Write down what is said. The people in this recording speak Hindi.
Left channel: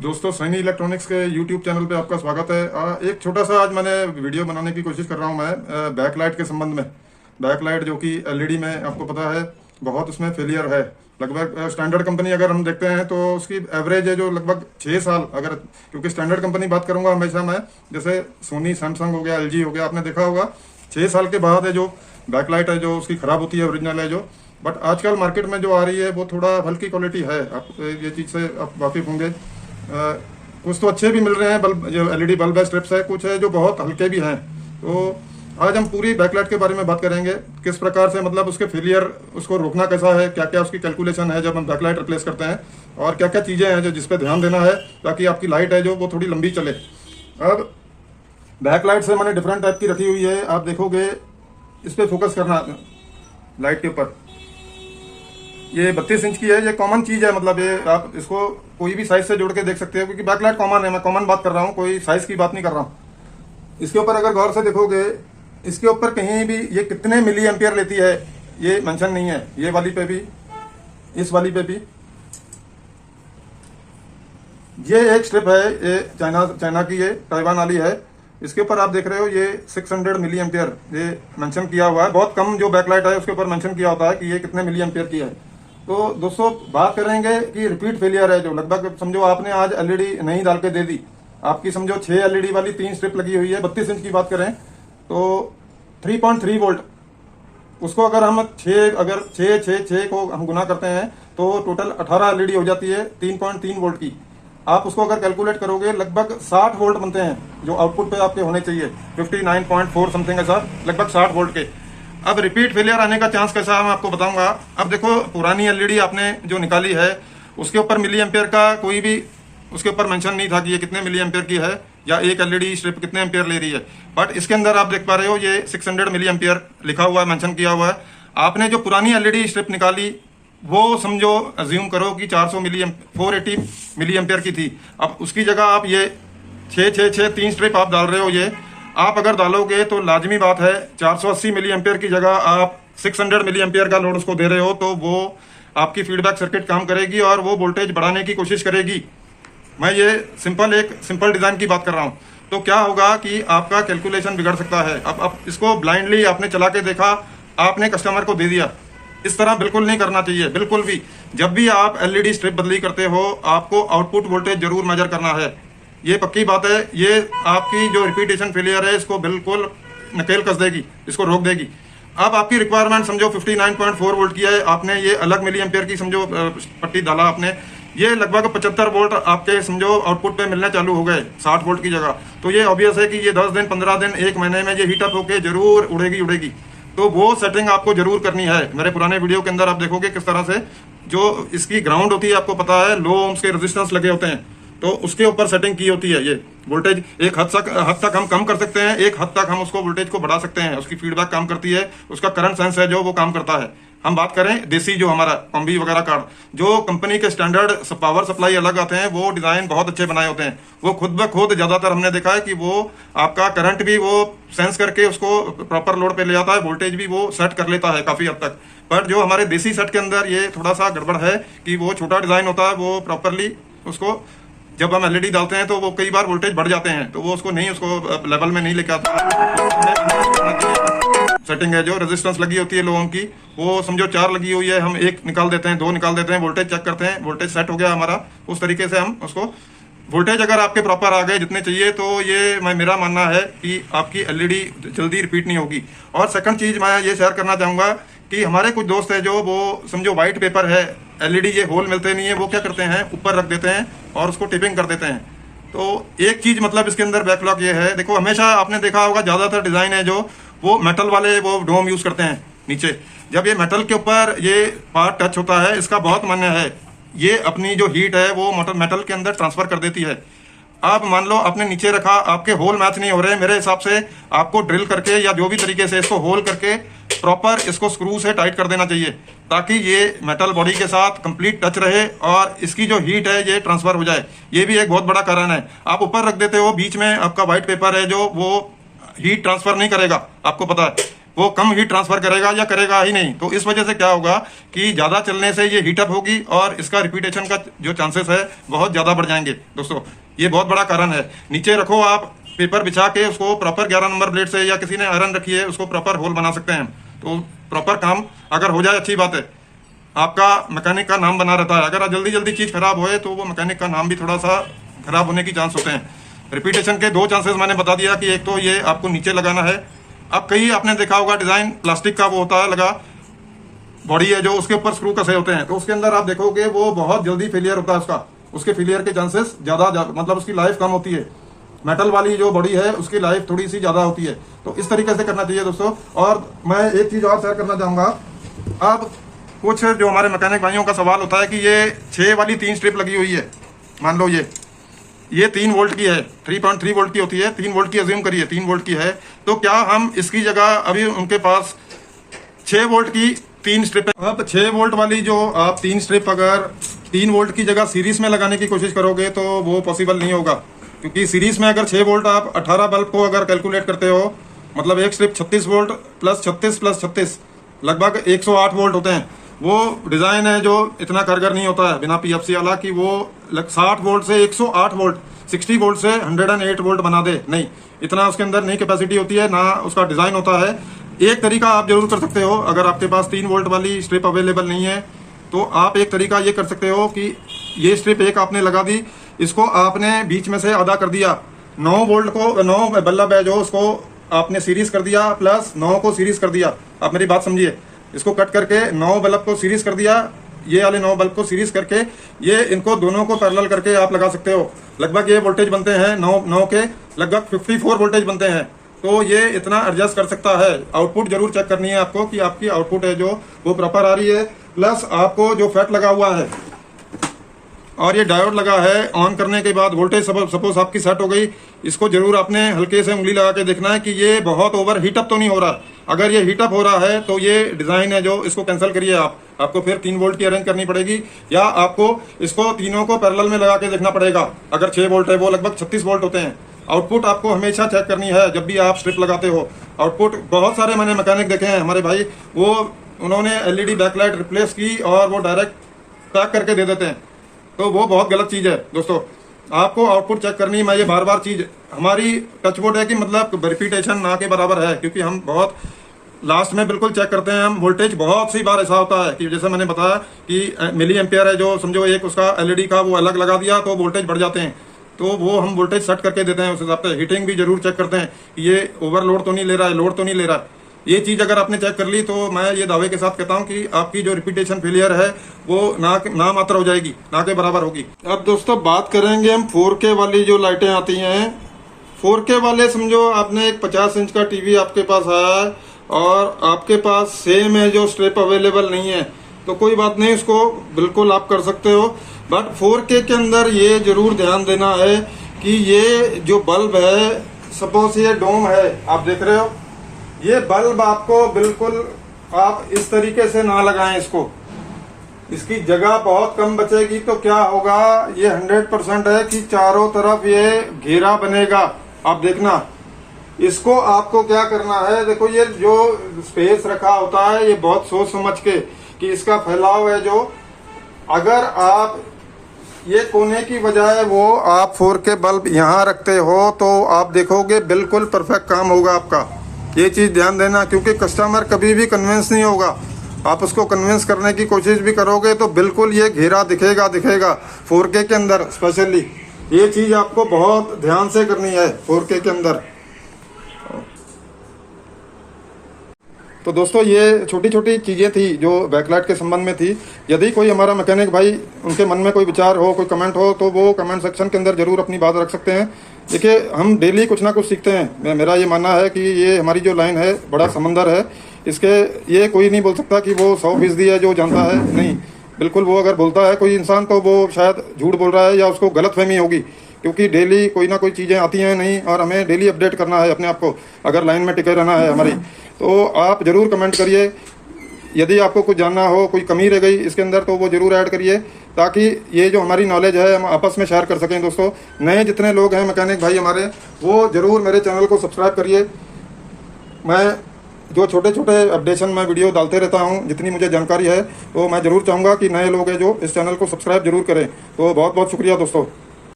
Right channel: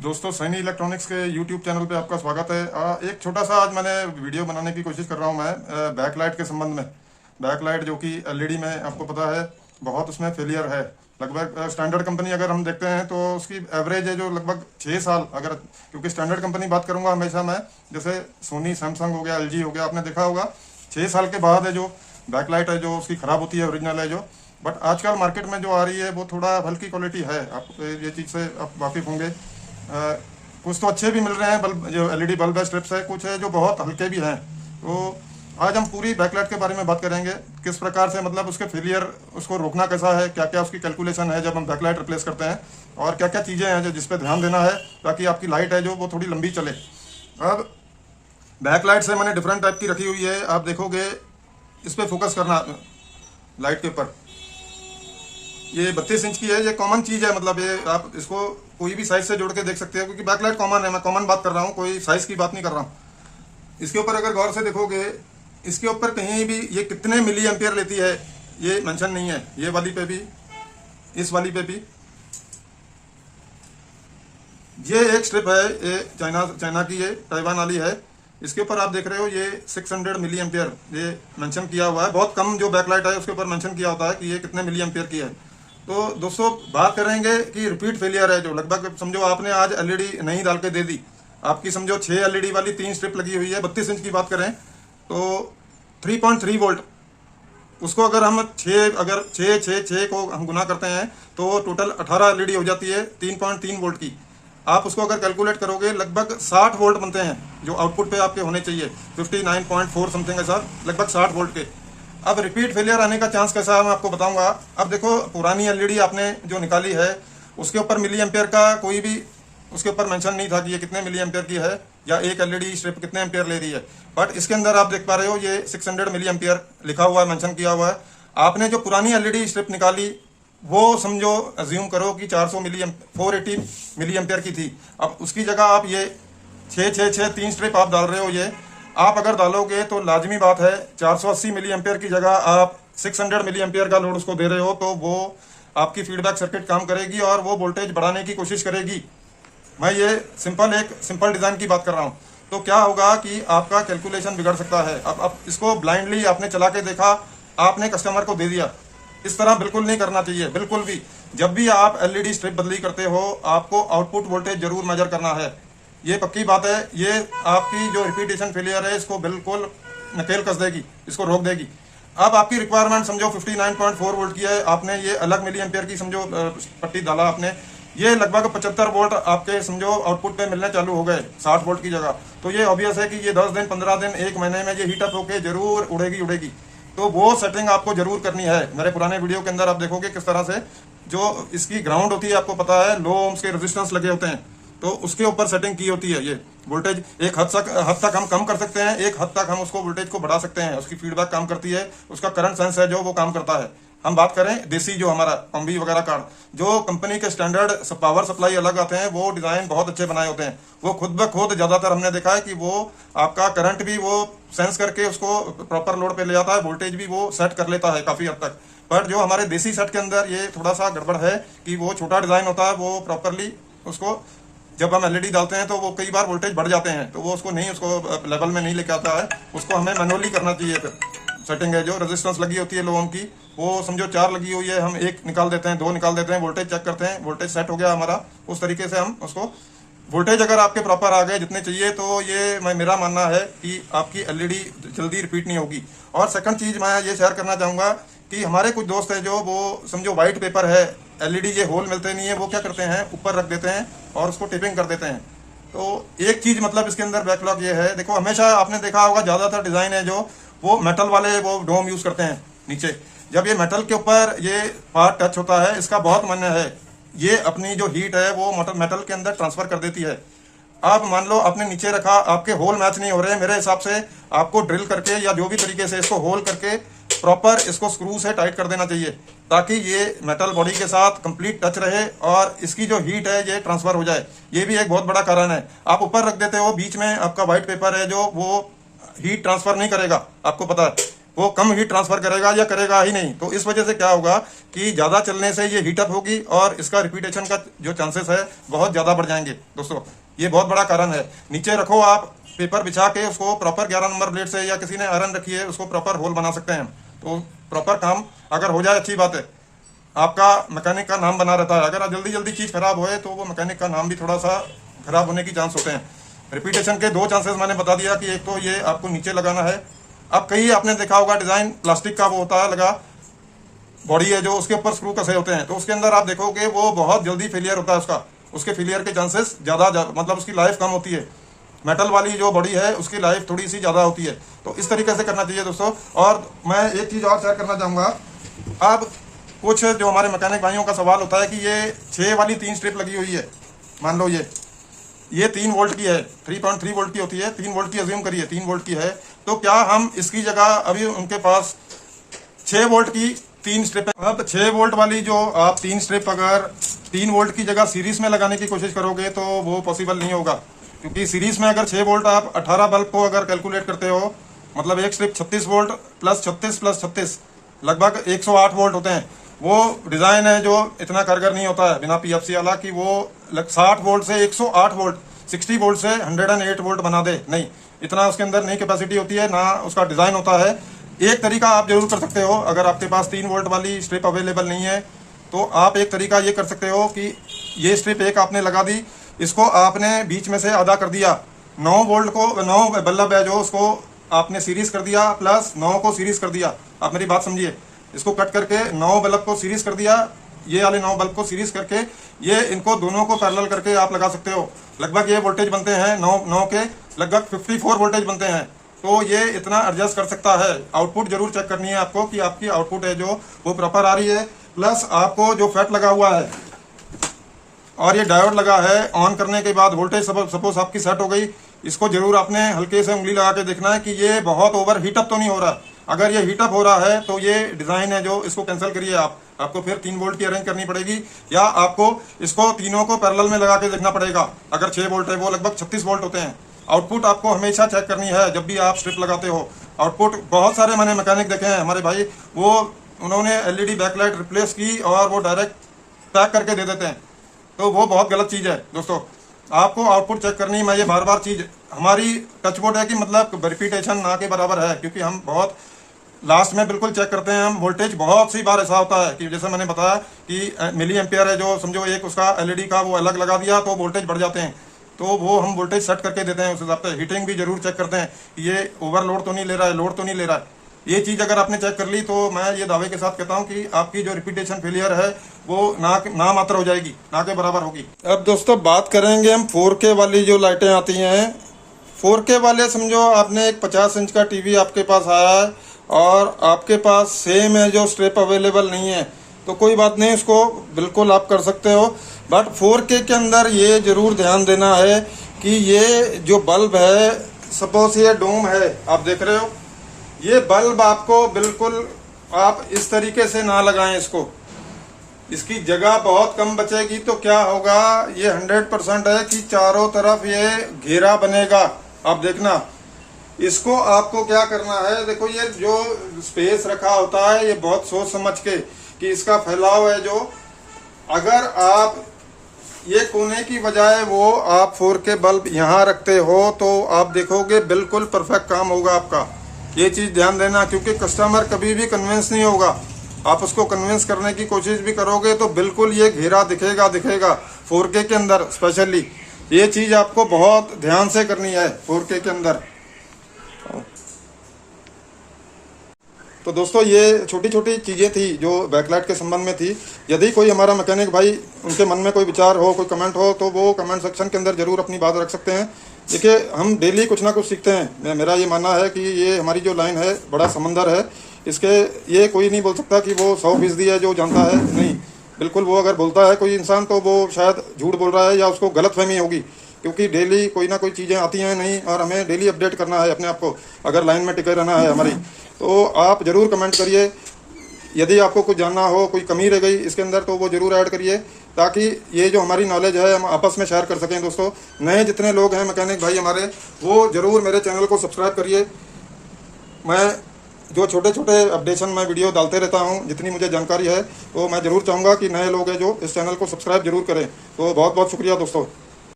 दोस्तों, सैनी इलेक्ट्रॉनिक्स के यूट्यूब चैनल पे आपका स्वागत है। एक छोटा सा आज मैंने वीडियो बनाने की कोशिश कर रहा हूँ मैं बैकलाइट के संबंध में। बैकलाइट जो कि एलईडी में आपको पता है बहुत उसमें फेलियर है। लगभग स्टैंडर्ड कंपनी अगर हम देखते हैं तो उसकी एवरेज है जो लगभग 6 साल, अगर क्योंकि स्टैंडर्ड कंपनी बात करूंगा हमेशा मैं, जैसे सोनी, सैमसंग हो गया, एलजी हो गया, आपने देखा होगा 6 साल के बाद है जो बैकलाइट है जो उसकी खराब होती है, ओरिजिनल है जो। बट आजकल मार्केट में जो आ रही है वो थोड़ा हल्की क्वालिटी है, आप ये चीज़ से आप वाकिफ होंगे। कुछ तो अच्छे भी मिल रहे हैं बल्ब, जो एलईडी बल्ब है, स्ट्रिप्स है, कुछ है जो बहुत हल्के भी हैं। तो आज हम पूरी बैकलाइट के बारे में बात करेंगे, किस प्रकार से मतलब उसके फेलियर, उसको रोकना कैसा है, क्या क्या उसकी कैलकुलेशन है जब हम बैकलाइट रिप्लेस करते हैं, और क्या क्या चीज़ें हैं जो जिस पे ध्यान देना है ताकि आपकी लाइट है जो वो थोड़ी लंबी चले। अब बैकलाइट से मैंने डिफरेंट टाइप की रखी हुई है, आप देखोगे इस पर फोकस करना लाइट के ऊपर। ये 32 इंच की है, ये कॉमन चीज है, मतलब ये आप इसको कोई भी साइज से जोड़ के देख सकते हो क्योंकि बैकलाइट कॉमन है। मैं कॉमन बात कर रहा हूँ, कोई साइज की बात नहीं कर रहा हूँ। इसके ऊपर अगर गौर से देखोगे, इसके ऊपर कहीं भी ये कितने मिली एम्पियर लेती है ये मेंशन नहीं है। ये वाली पे भी, इस वाली पे भी। ये एक स्ट्रिप है, ये चाइना की, ये ताइवान वाली है। इसके ऊपर आप देख रहे हो ये 600 मिली एम्पियर ये मेंशन किया हुआ है। बहुत कम जो बैकलाइट है उसके ऊपर मेंशन किया होता है कि ये कितने मिली एम्पियर की है। तो दोस्तों बात करेंगे कि रिपीट फेलियर है जो लगभग समझो आपने आज एलईडी नहीं डाल के दे दी, आपकी समझो 6 एलईडी वाली 3 स्ट्रिप लगी हुई है। 32 इंच की बात करें तो 3.3 वोल्ट, उसको अगर हम 6 को हम गुना करते हैं तो टोटल 18 एलईडी हो जाती है 3.3 वोल्ट की। आप उसको अगर कैलकुलेट करोगे लगभग 60 वोल्ट बनते हैं जो आउटपुट पे आपके होने चाहिए, 59.4 समथिंग है सर, लगभग 60 वोल्ट के। अब रिपीट फेलियर आने का चांस कैसा है मैं आपको बताऊंगा। अब देखो पुरानी एलईडी आपने जो निकाली है उसके ऊपर मिली एम्पियर का कोई भी उसके ऊपर मेंशन नहीं था कि ये कितने मिली एम्पियर की है या एक एलईडी स्ट्रिप कितने एम्पियर ले रही है। बट इसके अंदर आप देख पा रहे हो ये 600 मिली एम्पियर लिखा हुआ है, मेंशन किया हुआ है। आपने जो पुरानी एलईडी स्ट्रिप निकाली वो समझो अज्यूम करो कि 480 मिली एम्पियर की थी। अब उसकी जगह आप ये 6 3 स्ट्रिप आप डाल रहे हो। ये आप अगर डालोगे तो लाजमी बात है 480 मिली एम्पियर की जगह आप 600 मिली एम्पियर का लोड उसको दे रहे हो, तो वो आपकी फीडबैक सर्किट काम करेगी और वो वोल्टेज बढ़ाने की कोशिश करेगी। मैं ये एक सिंपल डिजाइन की बात कर रहा हूँ। तो क्या होगा कि आपका कैलकुलेशन बिगड़ सकता है। अब इसको ब्लाइंडली आपने चला के देखा, आपने कस्टमर को दे दिया, इस तरह बिल्कुल नहीं करना चाहिए, बिल्कुल भी। जब भी आप एलईडी स्ट्रिप बदली करते हो आपको आउटपुट वोल्टेज जरूर मेजर करना है, ये पक्की बात है। ये आपकी जो रिपीटेशन फेलियर है इसको बिल्कुल नकेल कस देगी, इसको रोक देगी। अब आपकी रिक्वायरमेंट समझो 59.4 वोल्ट की है, आपने ये अलग मिली एम्पियर की समझो पट्टी डाला आपने, ये लगभग 75 वोल्ट आपके समझो आउटपुट पे मिलने चालू हो गए 60 वोल्ट की जगह। तो ये ऑब्वियस है कि ये 10 दिन, 15 दिन, 1 महीने में ये हीटअप होके जरूर उड़ेगी। तो वो सेटिंग आपको जरूर करनी है। मेरे पुराने वीडियो के अंदर आप देखोगे किस तरह से जो इसकी ग्राउंड होती है, आपको पता है लो ओम्स के रेजिस्टेंस लगे होते हैं, तो उसके ऊपर सेटिंग की होती है। ये वोल्टेज एक हद तक हम कम कर सकते हैं, एक हद तक हम उसको वोल्टेज को बढ़ा सकते हैं। उसकी फीडबैक काम करती है, उसका करंट सेंस है जो वो काम करता है। हम बात करें देसी जो हमारा कॉम्बी वगैरह कार्ड, जो कंपनी के स्टैंडर्ड पावर सप्लाई अलग आते हैं, वो डिजाइन बहुत अच्छे बनाए होते हैं। वो खुद ब खुद ज्यादातर हमने देखा है कि वो आपका करंट भी वो सेंस करके उसको प्रॉपर लोड पे ले आता है, वोल्टेज भी वो सेट कर लेता है काफी हद तक। पर जो हमारे देसी सेट के अंदर ये थोड़ा सा गड़बड़ है कि वो छोटा डिजाइन होता है, वो प्रॉपरली उसको जब हम एलईडी डालते हैं तो वो कई बार वोल्टेज बढ़ जाते हैं, तो वो उसको लेवल में नहीं लेके आता है। उसको हमें मैनुअली करना चाहिए। सेटिंग है जो रेजिस्टेंस लगी होती है लो ओम की, वो समझो 4 लगी हुई है, हम 1 निकाल देते हैं, 2 निकाल देते हैं, वोल्टेज चेक करते हैं, वोल्टेज सेट हो गया हमारा। उस तरीके से हम उसको वोल्टेज अगर आपके प्रॉपर आ गए जितने चाहिए, तो ये मेरा मानना है कि आपकी एलईडी जल्दी रिपीट नहीं होगी। और सेकंड चीज मैं ये शेयर करना चाहूंगा कि हमारे कुछ दोस्त है जो वो समझो व्हाइट पेपर है, एलईडी ये होल मिलते नहीं है, वो क्या करते हैं ऊपर रख देते हैं और उसको टेपिंग कर देते हैं। तो एक चीज मतलब इसके अंदर बैकलॉग ये है, देखो हमेशा आपने देखा होगा ज्यादातर डिजाइन है जो वो मेटल वाले वो डोम यूज करते हैं नीचे। जब ये मेटल के ऊपर ये पार्ट टच होता है, इसका बहुत मान्य है ये अपनी जो हीट है वो मेटल के अंदर ट्रांसफर कर देती है। आप मान लो आपने नीचे रखा, आपके होल मैच नहीं हो रहे, मेरे हिसाब से आपको ड्रिल करके या जो भी तरीके से इसको होल करके प्रॉपर इसको स्क्रू से टाइट कर देना चाहिए, ताकि ये मेटल बॉडी के साथ कंप्लीट टच रहे और इसकी जो हीट है ये ट्रांसफर हो जाए। ये भी एक बहुत बड़ा कारण है। आप ऊपर रख देते हो, बीच में आपका व्हाइट पेपर है जो वो हीट ट्रांसफर नहीं करेगा, आपको पता है। वो कम हीट ट्रांसफर करेगा या करेगा ही नहीं। तो इस वजह से क्या होगा कि ज़्यादा चलने से ये हीटअप होगी और इसका रिपीटेशन का जो चांसेस है बहुत ज़्यादा बढ़ जाएंगे दोस्तों। ये बहुत बड़ा कारण है। नीचे रखो आप पेपर बिछा के उसको प्रॉपर 11 नंबर ब्लेड से, या किसी ने आयरन रखी है उसको प्रॉपर होल बना सकते हैं। तो प्रॉपर काम अगर हो जाए अच्छी बात है, आपका मैकेनिक का नाम बना रहता है। अगर जल्दी जल्दी चीज़ खराब होए तो वो मैकेनिक का नाम भी थोड़ा सा खराब होने की चांस होते हैं। रिपीटेशन के दो चांसेस मैंने बता दिया कि एक तो ये आपको नीचे लगाना है। अब कहीं आपने देखा होगा डिज़ाइन प्लास्टिक का वो होता है लगा, बॉडी है जो, उसके ऊपर स्क्रू कसे होते हैं, तो उसके अंदर आप देखोगे वो बहुत जल्दी फेलियर होता है। उसके फेलियर के चांसेस ज़्यादा, मतलब उसकी लाइफ कम होती है। मेटल वाली जो बॉडी है उसकी लाइफ थोड़ी सी ज़्यादा होती है। तो इस तरीके से करना चाहिए दोस्तों। और मैं एक चीज़ और शेयर करना चाहूँगा। अब कुछ जो हमारे मैकेनिक भाइयों का सवाल होता है कि ये 6 वाली 3 स्ट्रिप लगी हुई है, मान लो ये 3 वोल्ट की है, 3.3 वोल्ट की होती है, 3 वोल्ट की अज्यूम करिए, 3 वोल्ट की है। तो क्या हम इसकी जगह, अभी उनके पास 6 वोल्ट की 3 स्ट्रिप है। अब 6 वोल्ट वाली जो आप 3 स्ट्रिप अगर 3 वोल्ट की जगह सीरीज में लगाने की कोशिश करोगे तो वो पॉसिबल नहीं होगा, क्योंकि सीरीज में अगर 6 वोल्ट आप 18 बल्ब को अगर कैलकुलेट करते हो, मतलब एक स्ट्रिप 36 वोल्ट प्लस 36 प्लस 36 लगभग 108 वोल्ट होते हैं। वो डिज़ाइन है जो इतना कारगर नहीं होता है बिना पीएफसी वाला कि वो 60 वोल्ट से 108 वोल्ट, 60 वोल्ट से 108 वोल्ट बना दे। नहीं, इतना उसके अंदर नहीं कैपेसिटी होती है, ना उसका डिज़ाइन होता है। एक तरीका आप जरूर कर सकते हो, अगर आपके पास 3 वोल्ट वाली स्ट्रिप अवेलेबल नहीं है तो आप एक तरीका ये कर सकते हो कि ये स्ट्रिप एक आपने लगा दी, इसको आपने बीच में से आधा कर दिया, 9 वोल्ट को, 9 बल्ब है जो, उसको आपने सीरीज कर दिया, प्लस 9 को सीरीज कर दिया। आप मेरी बात समझिए, इसको कट करके 9 बल्ब को सीरीज कर दिया, ये वाले 9 बल्ब को सीरीज करके ये इनको दोनों को पैरेलल करके आप लगा सकते हो। लगभग ये वोल्टेज बनते हैं 9 के लगभग 54 वोल्टेज बनते हैं। तो ये इतना एडजस्ट कर सकता है। आउटपुट जरूर चेक करनी है आपको कि आपकी आउटपुट है जो वो प्रॉपर आ रही है, प्लस आपको जो फैट लगा हुआ है और ये डायोड लगा है, ऑन करने के बाद वोल्टेज सपोज आपकी सेट हो गई, इसको जरूर आपने हल्के से उंगली लगा के देखना है कि ये बहुत ओवर हीटअप तो नहीं हो रहा। अगर ये हीटअप हो रहा है तो ये डिजाइन है जो, इसको कैंसिल करिए आपको फिर 3 वोल्ट की अरेंज करनी पड़ेगी, या आपको इसको तीनों को पैरेलल में लगा के देखना पड़ेगा। अगर 6 वोल्ट है, वो लगभग 36 वोल्ट होते हैं। आउटपुट आपको हमेशा चेक करनी है जब भी आप स्ट्रिप लगाते हो। आउटपुट बहुत सारे मैंने मैकेनिक देखे हैं हमारे भाई, वो उन्होंने एलईडी बैकलाइट रिप्लेस की और वो डायरेक्ट पैक करके दे देते हैं, तो वो बहुत गलत चीज़ है दोस्तों। आपको आउटपुट चेक करनी, मैं ये बार बार चीज़, हमारी टचवुड है कि मतलब रिपीटेशन ना के बराबर है, क्योंकि हम बहुत लास्ट में बिल्कुल चेक करते हैं हम वोल्टेज। बहुत सी बार ऐसा होता है कि जैसे मैंने बताया कि मिली एम्पियर है जो, समझो एक उसका एलईडी का वो अलग लगा दिया तो वोल्टेज बढ़ जाते हैं, तो वो हम वोल्टेज सेट करके देते हैं उस हिसाब से। हीटिंग भी जरूर चेक करते हैं, ये ओवरलोड तो नहीं ले रहा है, लोड तो नहीं ले रहा है। ये चीज़ अगर आपने चेक कर ली तो मैं ये दावे के साथ कहता हूँ कि आपकी जो रिपीटेशन फेलियर है वो ना मात्र हो जाएगी, ना के बराबर होगी। अब दोस्तों बात करेंगे हम 4K वाली जो लाइटें आती हैं। 4K वाले समझो आपने एक 50 इंच का टीवी आपके पास आया है और आपके पास सेम है जो स्ट्रिप अवेलेबल नहीं है, तो कोई बात नहीं, उसको बिल्कुल आप कर सकते हो। बट 4K के अंदर ये जरूर ध्यान देना है कि ये जो बल्ब है, सपोज ये डोम है, आप देख रहे हो, ये बल्ब आपको बिल्कुल आप इस तरीके से ना लगाएं इसको, इसकी जगह बहुत कम बचेगी। तो क्या होगा, ये 100% है कि चारों तरफ ये घेरा बनेगा। आप देखना, इसको आपको क्या करना है, देखो ये जो स्पेस रखा होता है ये बहुत सोच समझ के कि इसका फैलाव है जो, अगर आप ये कोने की बजाय वो आप 4K बल्ब यहाँ रखते हो तो आप देखोगे बिल्कुल परफेक्ट काम होगा आपका। ये चीज़ ध्यान देना, क्योंकि कस्टमर कभी भी कन्विंस नहीं होगा। आप उसको कन्विंस करने की कोशिश भी करोगे तो बिल्कुल ये घेरा दिखेगा 4K के अंदर। स्पेशली ये चीज़ आपको बहुत ध्यान से करनी है 4K के अंदर। तो दोस्तों ये छोटी छोटी चीज़ें थी जो बैकलाइट के संबंध में थी। यदि कोई हमारा मैकेनिक भाई, उनके मन में कोई विचार हो, कोई कमेंट हो, तो वो कमेंट सेक्शन के अंदर ज़रूर अपनी बात रख सकते हैं। देखिए, हम डेली कुछ ना कुछ सीखते हैं। मेरा ये मानना है कि ये हमारी जो लाइन है बड़ा समंदर है, इसके ये कोई नहीं बोल सकता कि वो 100% है जो जानता है, नहीं। बिल्कुल, वो अगर बोलता है कोई इंसान तो वो शायद झूठ बोल रहा है या उसको गलतफहमी होगी, क्योंकि डेली कोई ना कोई चीज़ें आती हैं नहीं, और हमें डेली अपडेट करना है अपने आप को अगर लाइन में टिके रहना है हमारी। तो आप ज़रूर कमेंट करिए, यदि आपको कुछ जानना हो, कोई कमी रह गई इसके अंदर तो वो ज़रूर ऐड करिए, ताकि ये जो हमारी नॉलेज है हम आपस में शेयर कर सकें। दोस्तों, नए जितने लोग हैं मैकेनिक भाई हमारे, वो ज़रूर मेरे चैनल को सब्सक्राइब करिए। मैं जो छोटे छोटे अपडेशन मैं वीडियो डालते रहता हूँ, जितनी मुझे जानकारी है, तो मैं ज़रूर चाहूँगा कि नए लोग हैं जो इस चैनल को सब्सक्राइब जरूर करें। तो बहुत बहुत शुक्रिया दोस्तों।